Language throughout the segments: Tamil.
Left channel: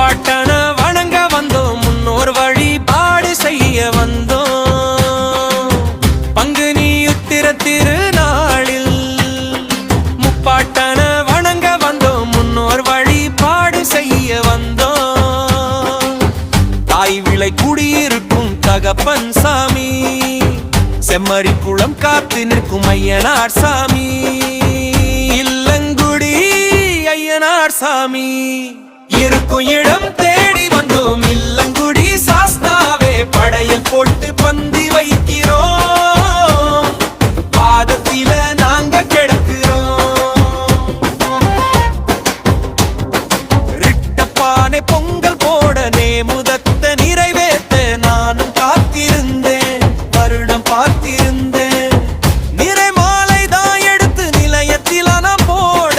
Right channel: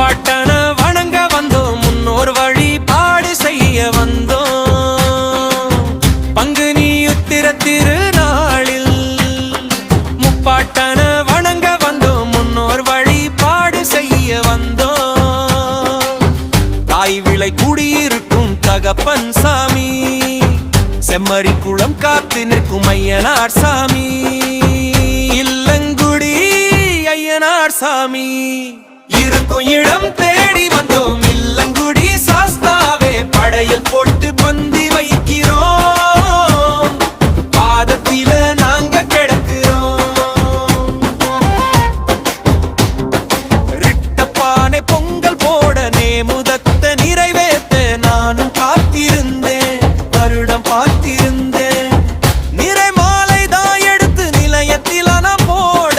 முப்பாட்டன வணங்க வந்தோம், முன்னோர் வழிபாடு செய்ய வந்தோம். பங்குனி உத்திர திருநாளில் முப்பாட்டன வணங்க வந்தோம், முன்னோர் வழிபாடு செய்ய வந்தோம். தாய் விளை குடியிருக்கும் தகப்பன் சாமி, செம்மறி குளம் காத்து நிற்கும் ஐயனார் சாமி, இல்லங்குடி ஐயனார் சாமி. இருக்கும் இடம் தேடி வந்தோம், இல்லங்குடி சாஸ்தாவே படையல் போட்டு பந்தி வைக்கிறோம், பாதத்தில நாங்க கிடக்கிறோம். ரிட்டப்பானை பொங்கல் போட நேமுதத்த நிறைவேற்ற நானும் காத்திருந்தேன், வருடம் பார்த்திருந்தேன். நிறை மாலை தான் எடுத்து நிலையத்தில் நான் போட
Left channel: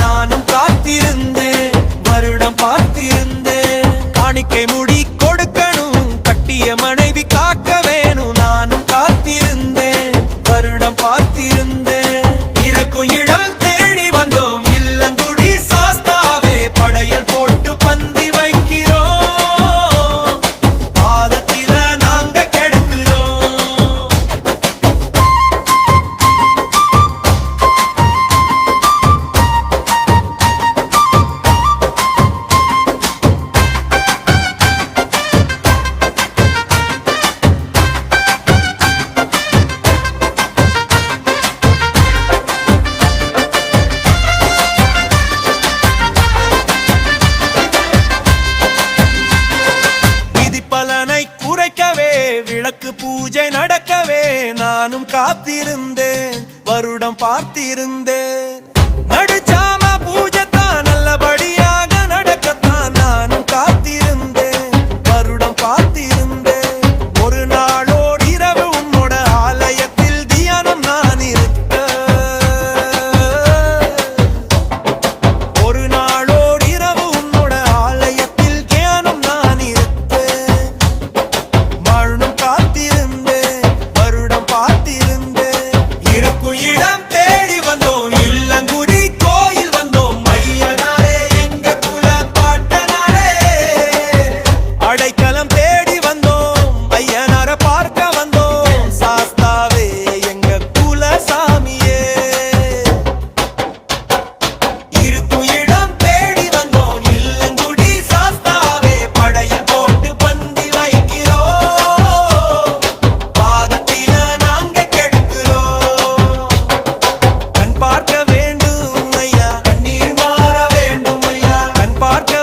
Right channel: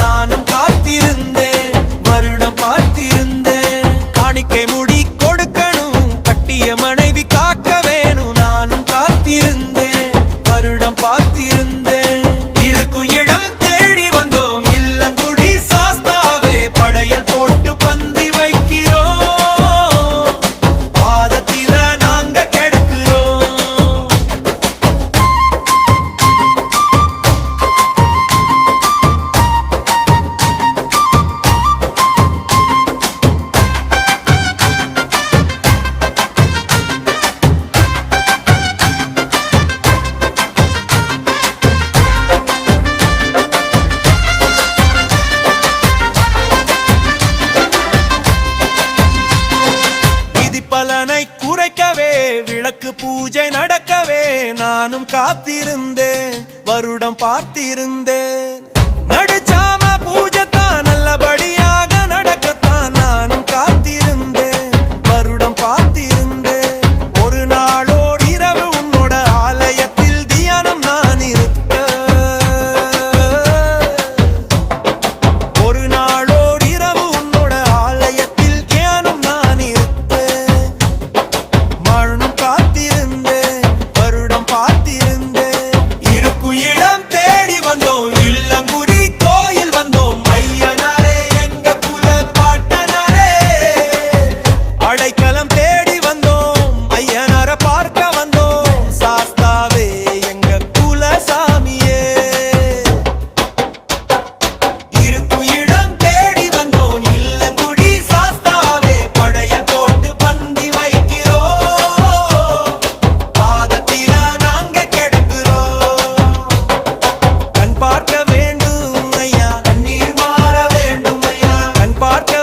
நானும் காத்திருந்தேன், வருடம் பார்த்திருந்தேன். காணிக்கை முடி கொடுக்கணும், கட்டிய மனைவி காக்க வேணும், நானும் காத்திருந்தேன், வருடம் பார்த்திருந்தேன். இருக்கும் இடம் தேடி வந்தோம், இல்லங்குடி சாஸ்தாவே படையல் போட்டு பந்தி வைக்கிறோம், பாதத்தில நாங்க கிடக்கிறோம். பலனை குறைக்கவே விளக்கு பூஜை நடக்கவே நானும் காத்திருந்தேன், வருடம் பார்த்திருந்தேன். நடுச்சாம பூஜை தான் நல்லபடியாக நடக்கத்தான் நானும் காத்திருந்தேன், வருடம் பார்த்திருந்தேன். ஒரு நாளோர் இரவு உன்னோட ஆலயத்தில் தியானம் நான் இருக்க, ஒரு நாளோர் இரவு உன்னோட ஆலயத்தில் தியானம் நான் இருக்க, மறுணும் காத்திருந்தேன், வருடம் பார்த்திருந்தேன். இருக்கும் இடம் தேடி வந்தோம், இல்லங்குடி கோயில் வந்தோம், ஐயனாரே எங்க குல பாட்டனாரே. அடைக்கலம் தேடி வந்தோம், ஐயனார பார்க்க வந்தோம், சாஸ்தாவே எங்க குல சாமியே. இருக்கும் இடம் தேடி வந்தோம், இல்லங்குடி சாஸ்தாவே படையல் போட்டு பந்தி வைக்கிறோம், பாதத்தில நாங்க கிடக்கிறோம். கண் பார்க்க வேண்டும் ஐயா, கண்ணீர் மாற வேண்டும் ஐயா, கண் பார்க்க